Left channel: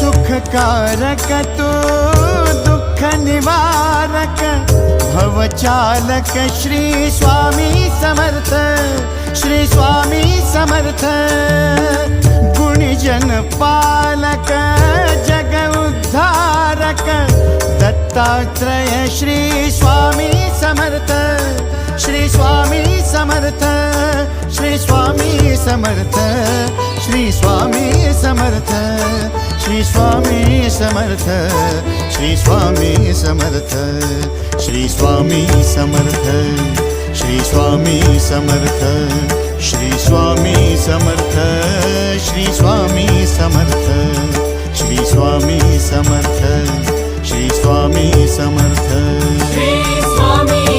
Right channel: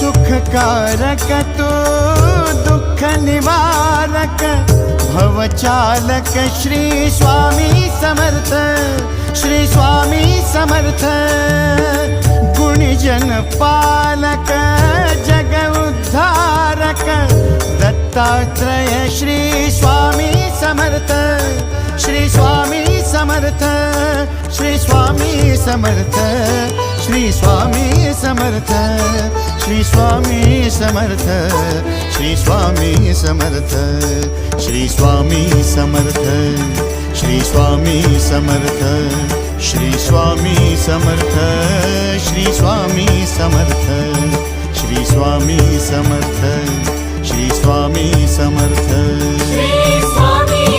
सुखकारक तू दुःख निवारक भवचालक श्री स्वामी समर्थ, श्री स्वामी समर्थ। गुणीजन पालक जग उद्धारक दत्तात्रेय श्री स्वामी समर्थ, श्री स्वामी समर्थ, श्री स्वामी समर्थ, श्री स्वामी समर्थ, श्री स्वामी समर्थ, श्री स्वामी समर्थ, श्री स्वामी समर्थ, श्री स्वामी समर्थ, श्री स्वामी समर्थ, श्री स्वामी समर्थ, श्री स्वामी समर्थ, श्री स्वामी समर्थ, श्री स्वामी